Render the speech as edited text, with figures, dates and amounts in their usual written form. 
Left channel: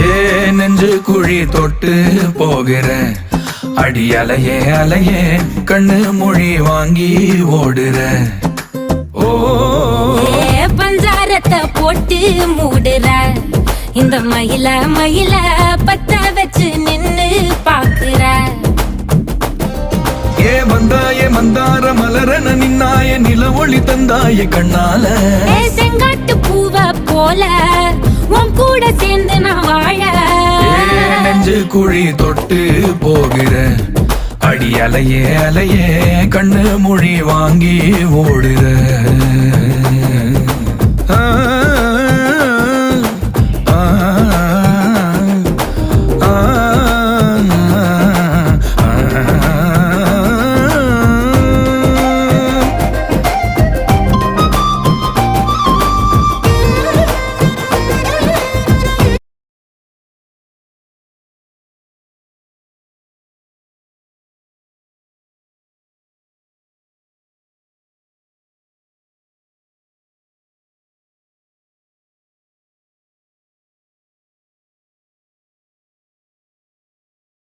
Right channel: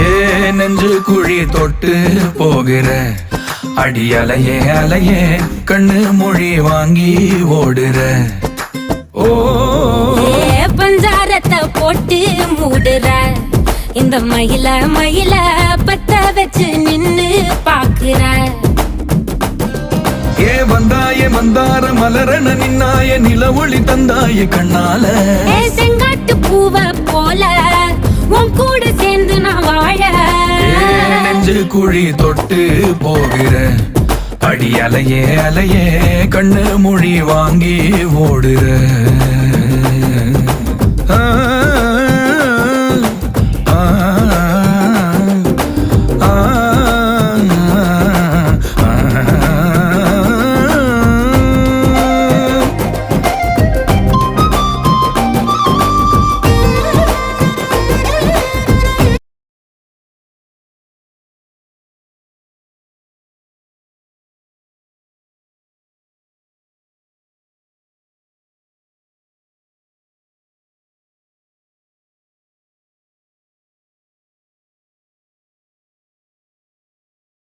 ஏ நெஞ்சு குழி தொட்டு போகிற அடி அலையே அலையே கண்ணு மொழி வாங்கி ஓடுற. ஓ பஞ்சாரத்தை போட்டு மூடுற இந்த மயில மயில பத்த வச்சு நின்னு பாக்குற. ஏ வந்தாய மந்தார மலரன நின்னாய நில ஒளி தந்தாய கண்ணால. செங்காட்டு பூவ போல உன் கூட சேர்ந்து நான் வாழ. நெஞ்சு குழி தொட்டு போகிற அடி அலையே அலையே கண்ணு மொழி வாங்கி ஓடுற. ஆ ஆ